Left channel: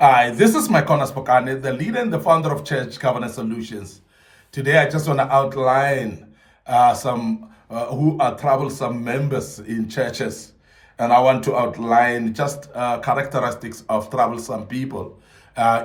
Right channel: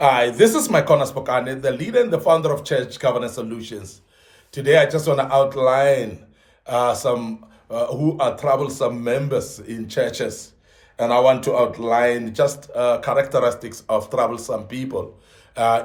Hi, this is MIcornus Phokane, the leader and the founder of Church Governance Solutions. Today, I just want to outline some who are troublesome members in churches, and I want to outline just characteristics of troublesome people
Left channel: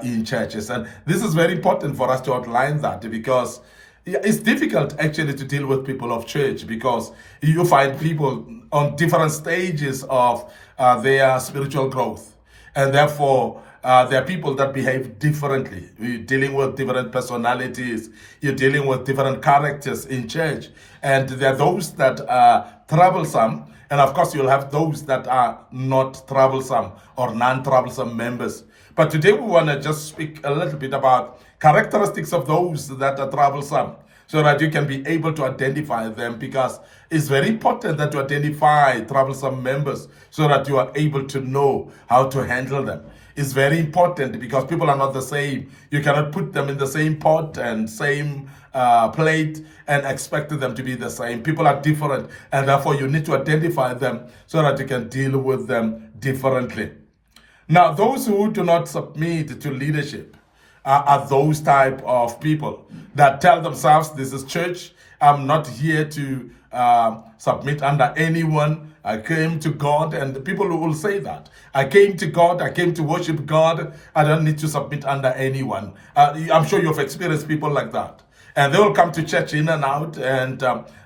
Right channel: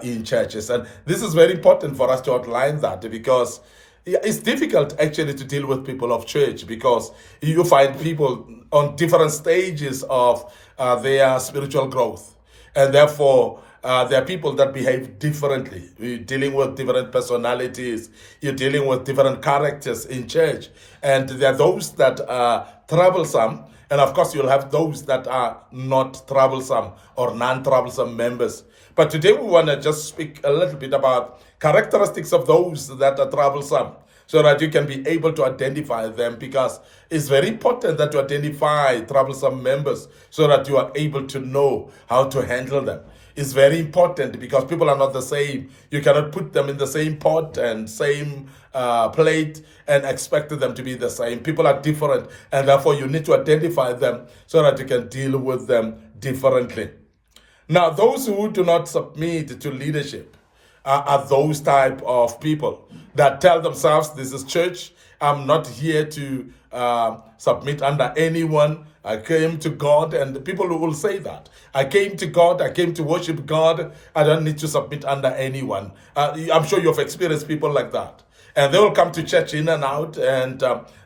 in churches. And this is very important for us to outline that because it's difficult actually to deal with people of church because you find people on different stages of their spiritual growth, and therefore there are people that behave differently. You're dealing with different personalities, you're dealing with different characters in church, and there are those that are troublesome, and of course you'll have those that are not troublesome or non-troublesome members. But today we want to just speak a little bit about characteristics of those that are troublesome so that you can be able to identify them, because it's very important that you identify troublesome members so that you are able to know how to handle them. It's very important because people are not the same. You cannot put them in the same pot and same plate and expect them to be the same. People are different, and therefore you need to identify them so that you can deal with them differently. Now, those who do not submit to leadership are those type of people that tell themselves, this is church, I'm not here to submit under anyone. I came to God, and the people who will say that. I came to God, I came to worship God, I don't need to submit under anyone. I'm sure you've experienced people like that. And they will come to church in and out, and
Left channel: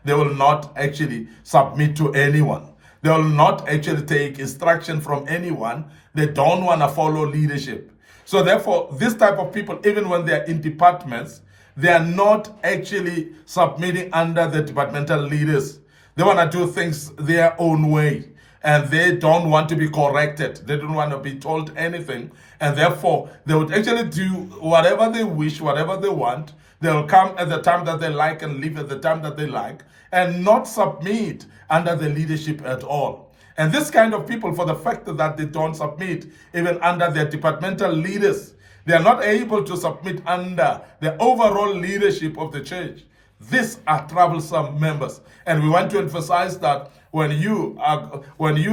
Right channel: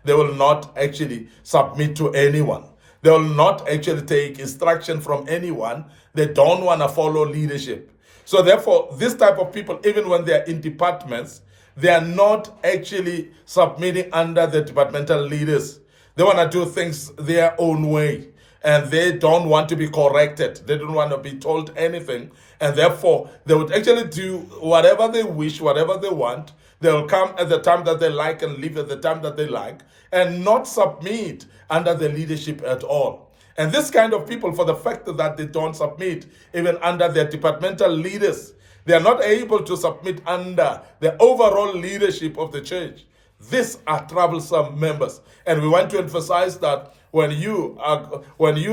they will not actually submit to anyone. They will not actually take instruction from anyone. They don't want to follow leadership. So therefore, this type of people, even when they are in departments, they are not actually submitting under the departmental leaders. They want to do things their own way, and they don't want to be corrected. They don't want to be told anything, and therefore they would actually do whatever they wish, whatever they want. They'll come at the time that they like and leave at the time that they like, and not submit under the leadership at all. And this kind of people, for the fact that they don't submit even under their departmental leaders, they are not able to submit under the overall leadership of the church. These are troublesome members. And we want to emphasize that when you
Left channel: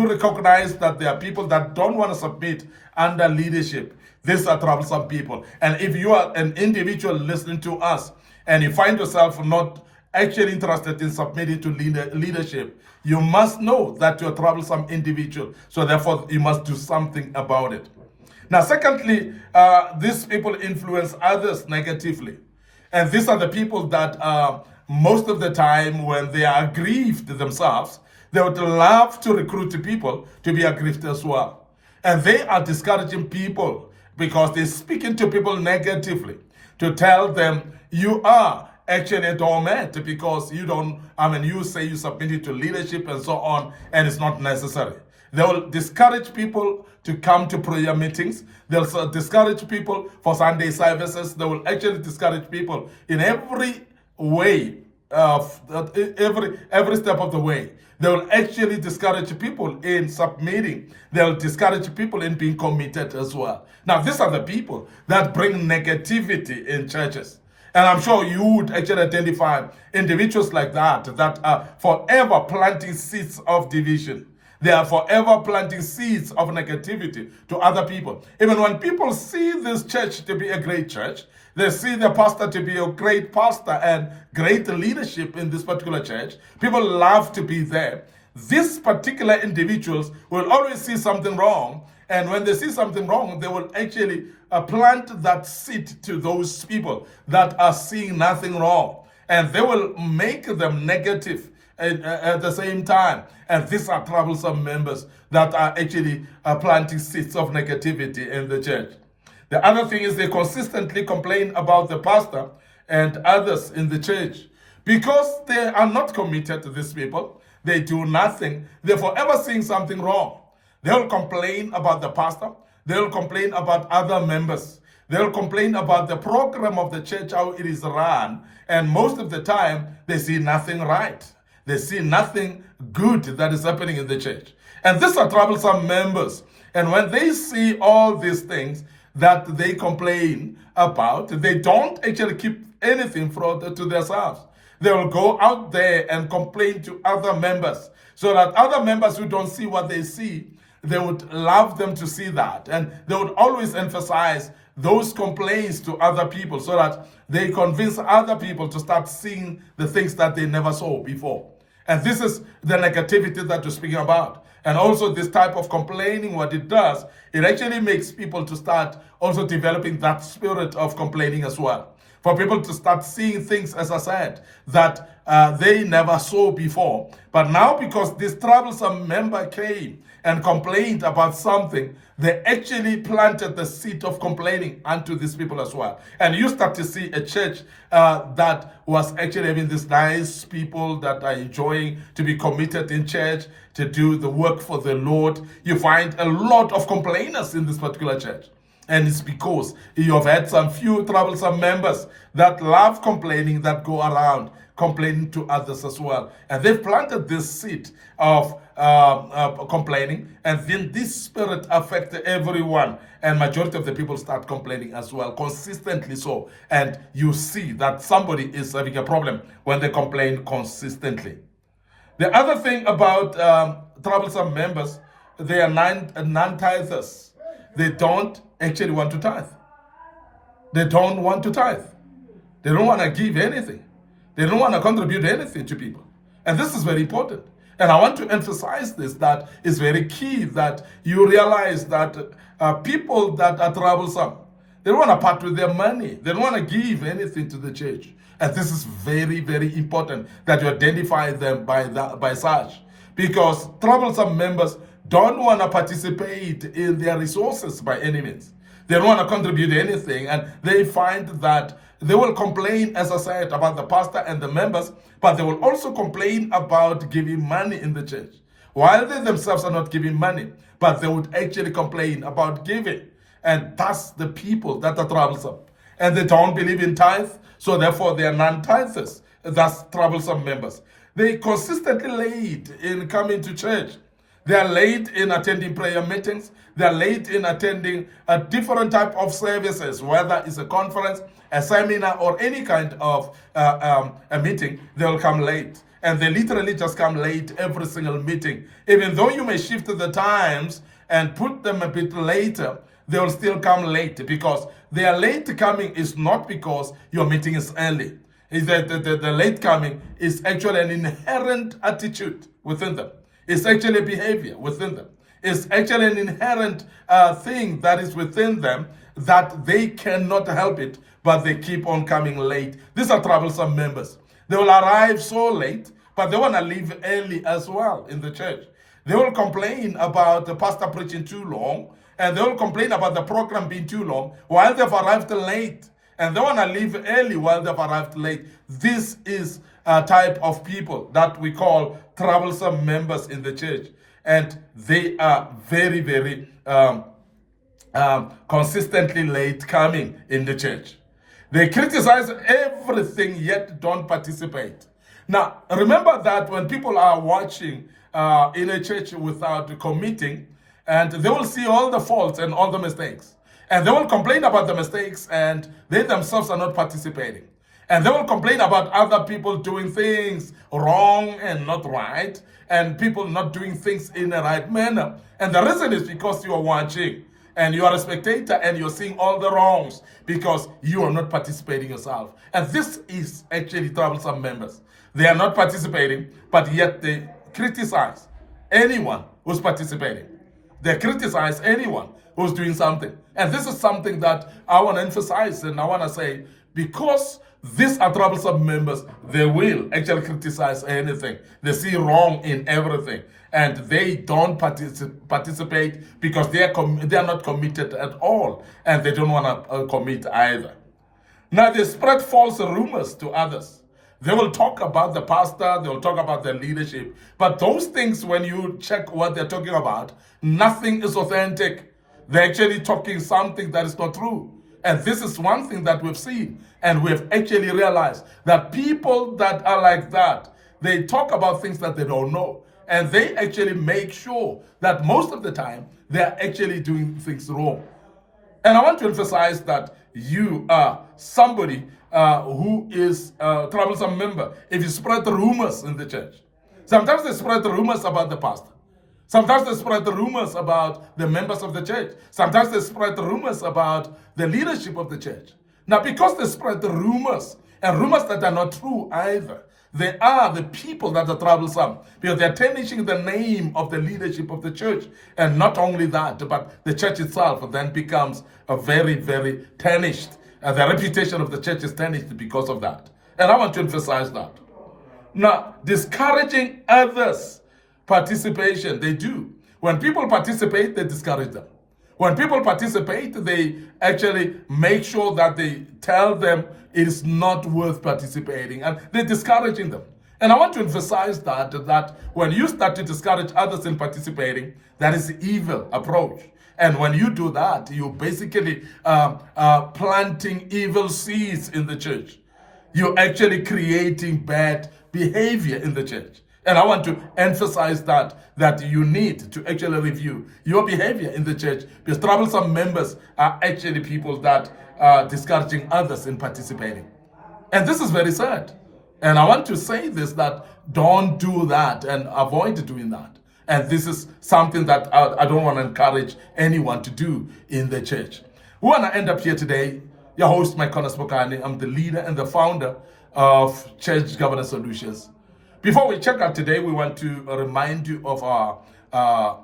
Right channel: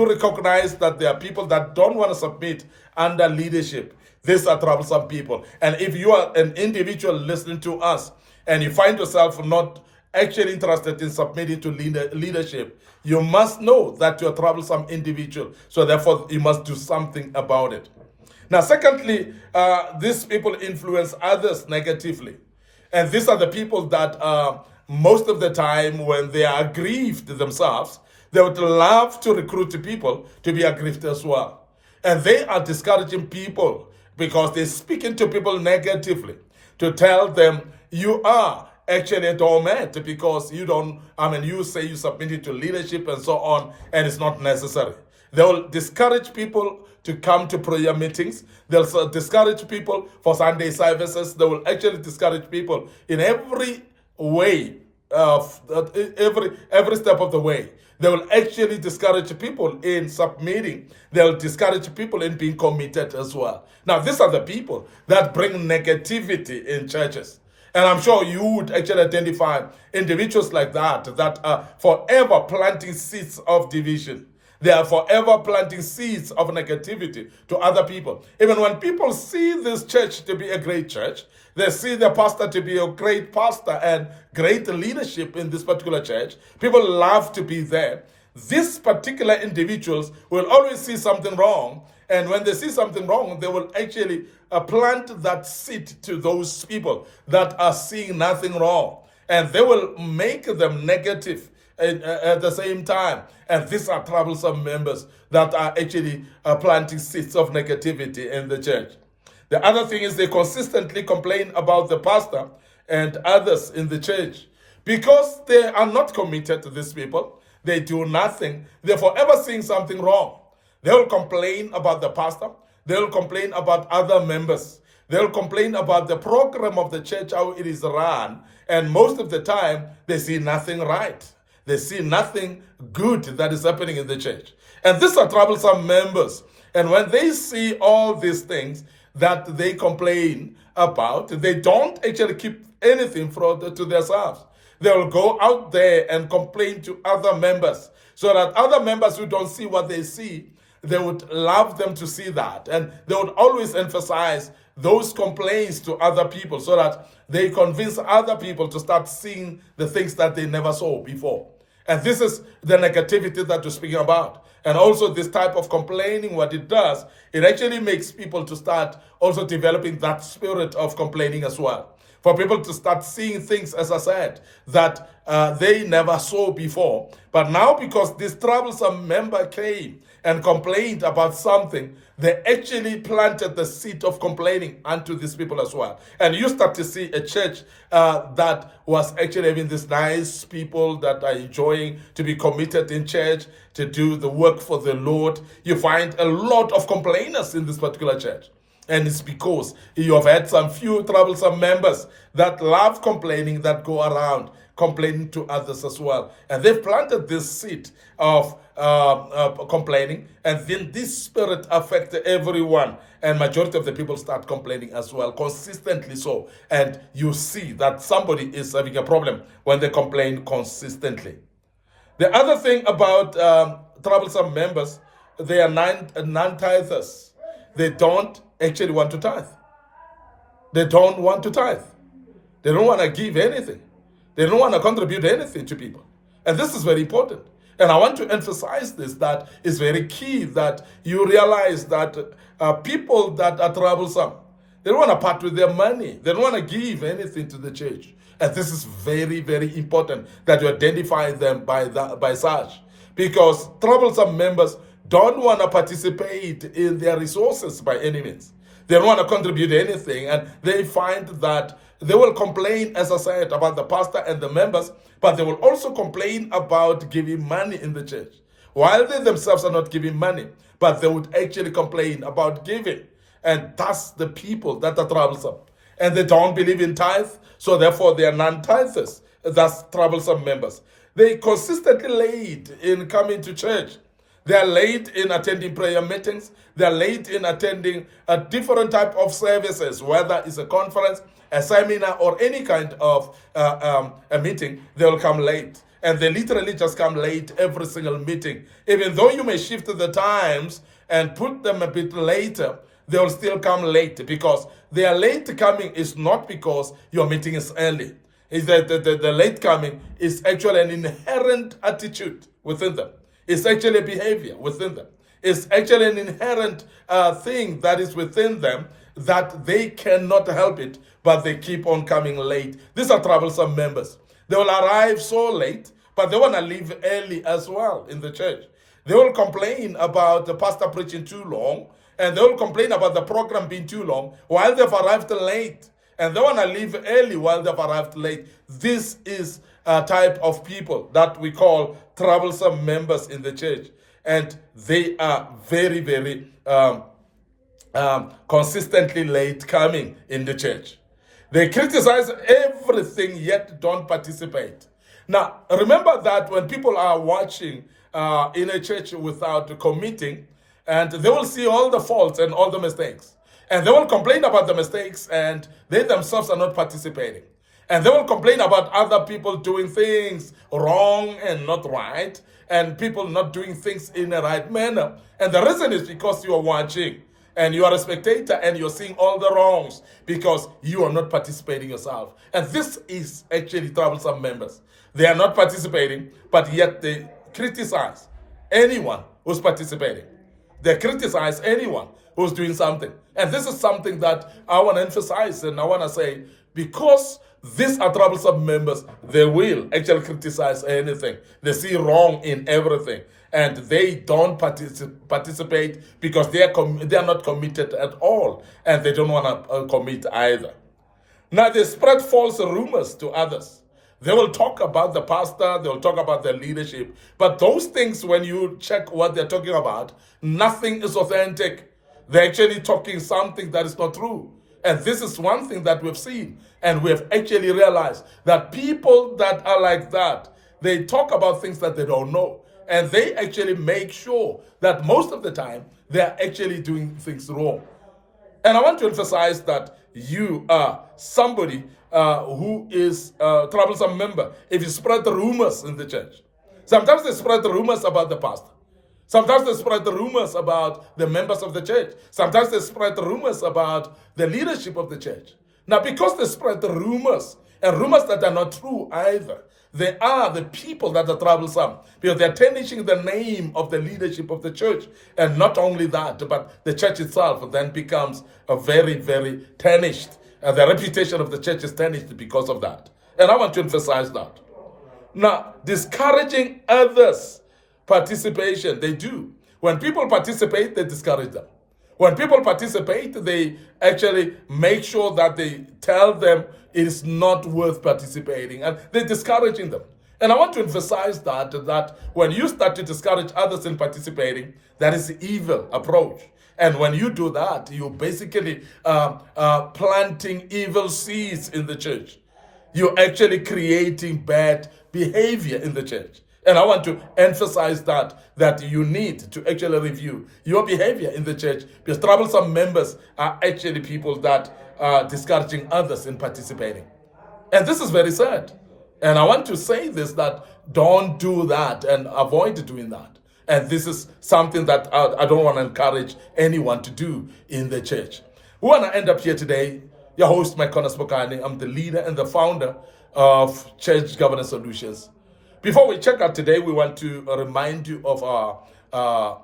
recognize that there are people that don't want to submit under leadership, these are troublesome people. And if you are an individual listening to us and you find yourself not actually interested in submitting to leadership, you must know that you're a troublesome individual. So therefore, you must do something about it. Now, secondly, these people influence others negatively. And these are the people that most of the time, when they are aggrieved themselves, they would love to recruit people to be aggrieved as well. And they are discouraging people because they're speaking to people negatively to tell them you are actually a doormat because you say you submitted to leadership and so on, and it's not necessary. They will discourage people to come to prayer meetings. They'll discourage people for Sunday services. They will actually discourage people in every way, every step of the way. They will actually discourage people in submitting. They'll discourage people in being committed as well. Now, these are the people that bring negativity in churches. And I'm sure you would actually identify individuals like that are forever planting seeds of division. They are forever planting seeds of negativity to other people. Even when people see this church to be a great church, they see the pastor to be a great pastor and great leadership in this particular church, people love to be there. These particular individuals will always see something wrong. And when they see something wrong, they will actually plant that seed to those people that are seeing nothing wrong. And they will make them negative at the same time. And these are troublesome members that are actually planting seeds of negativity in the church. The other thing is they consistently complain about the pastor and others in the church because they are not committed to these people. They do nothing. They're forever seeing something wrong. They'll complain about the pastor. They'll complain about other members. They'll complain about the program of the church, how it is run. And most of the time, they see nothing right. They see nothing good that is happening in the church. And these are troublesome members. And when they see all these things that they complain about, they don't actually keep anything to themselves. They will go out there and complain to other members so that other members who don't see what they see they would love them to see that. And they would always emphasize those complaints to other people so that they convince other people to start seeing the things that they never saw before. And this is the negativity that we're speaking about. And also this type of complaining, what it does, it actually makes people to start also developing that spirit of complaining as well. For people to start seeing things, as I said, that they never saw before. But now because this troublesome member came and complained about something, they actually planted the seed of complaining unto these people as well. And you start to see a church that was actually having these nice people that are enjoying to be committed in church, to do the work for the Lord. You find a lot of complainers in this particular church. And it's because you have had some few troublesome members that love complaining, that go around complaining to others as well. And they've planted this seed of complaining, and then this spirit affects everyone. And majority of the people start complaining as well, consistently so. And you see that somebody is having a problem when they complain consistently. The other thing about troublesome members, they are non-tithers. They don't actually want to tithe. They don't want to tithe. They don't want to give anything. They don't want to contribute anything to people. And this is very important. And I want to emphasize this, that it's very key that you realize that people that are troublesome, they don't want to part with their money. They don't want to give anything to the church. And this is very, very important that you identify them by such. Because troublesome members don't want to participate in their resources by any means. They don't want to contribute anything, and they find that they will complain, as I said, about the pastor and the members, but they will also complain about giving money in the church. While they themselves are not giving money, but they would actually complain about giving. And that's the people that are troublesome. And they don't believe in tithe, so therefore they are non-tithers. That's troublesome members. They consistently late in coming to church. They are late in attending prayer meetings. They are late in attending a different type of services, whether it's a conference, a seminar, or any kind of a meeting. They will come late. And they literally just come late every single meeting. Even though you may shift the times and put them a bit later, they will still come late, because their late coming is not because your meeting is early. Is that the late coming is actually an inherent attitude within them. It's actually a behavior within them. It's actually an inherent thing that is within them, that they cannot help it, but they keep on coming late. These are troublesome members. They will arrive so late, but they want to leave early as well in the church. They will complain about the pastor preaching too long, and they will complain about the program being too long while they've arrived late. And they want to leave early while they've arrived late. This is a type of people that we call troublesome members in the church. And they are very, very consistently late coming in the church. They criticize everything, yet don't participate. Now, remember that when people are watching in a church without committing, and they will see all the faults and all the mistakes. And they will complain about the mistakes, and they themselves are not participating. And they will complain about other people doing things wrong and not right, and people not doing things in a right manner. And the reason is because you are watching, and you are a spectator, and you're seeing all the wrongs, because you are not participating yourself. And this is actually troublesome members. They are not participating, but yet they criticize anyone who's participating. They criticize anyone who's doing something. And this is something that I want to emphasize, and I want to say, because these are troublesome members, they will actually criticize anything. They see wrong in everything. And they don't participate because they are not committed at all. And they don't want to commit either. Now, they spread false rumors to others. They will talk about the pastor, they will talk about the leadership. But those things, when you check what they're talking about, nothing is authentic. They're actually talking something that is not true. And this is one thing that we've seen. And we've actually realized that people that are like that, they talk about things that they don't know. And they actually make sure that most of the time, they're actually doing things wrong. And I want to emphasize that you are somebody who is a troublesome member if you spread rumors in the church. Sometimes they spread rumors about the pastor. Sometimes they spread the rumors about the members of the church. Sometimes they spread the rumors about the leadership of the church. Now, because they spread the rumors, and rumors that are not true either, they are the people that are troublesome because they're tarnishing the name of the leadership of the church. And not only that, but the church itself then becomes a very, very tarnished. And the reputation of the church is tarnished because of that. And I want to emphasize that. Now, discouraging others' participation, they do. When people participate, they discourage them. When people participate, they actually make sure that they tell them it is not worth participating, and they're discouraging them. And I want to emphasize that when you start to discourage others in participating, that is the evil approach. And when you do that, you're basically planting evil seeds in the church. You're actually creating bad behavior in the church. And I want to emphasize that you need to actually review your behavior in the church, because troublesome members are actually people that are discouraging others in participating. And this is very sad. And I want to say this, that don't do that and avoid doing that. And this is something that I don't want to encourage anyone to do in the church. We want to end up here today. Your host, MIcornus Phokane. I'm the leader and the founder of Church Governance Solutions. Before we check out today, we want to remind you of our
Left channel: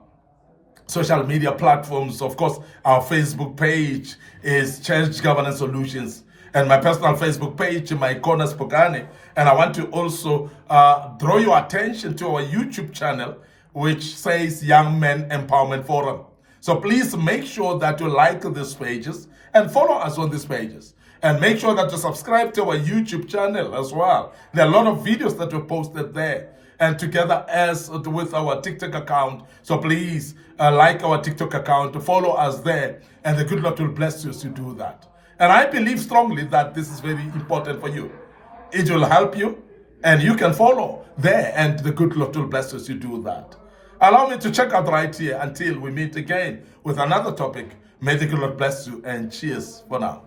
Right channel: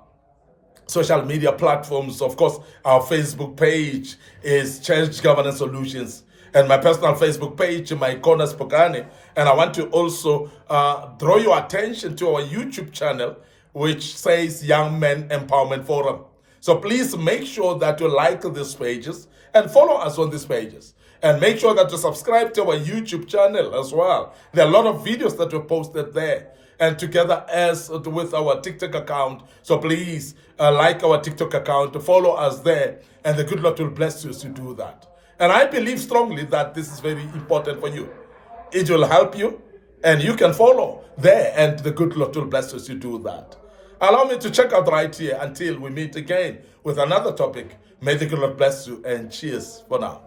social media platforms. Of course, our Facebook page is Church Governance Solutions, and my personal Facebook page, MIcornus Phokane. And I want to also draw your attention to our YouTube channel, which says Young Men Empowerment Forum. So please make sure that you like these pages and follow us on these pages. And make sure that you subscribe to our YouTube channel as well. There are a lot of videos that we posted there. And together as with our TikTok account. So please like our TikTok account, follow us there. And the good Lord will bless you as you do that. And I believe strongly that this is very important for you. It will help you. And you can follow there. And the good Lord will bless you as you do that. Allow me to check out right here until we meet again with another topic. May the good Lord bless you, and cheers for now.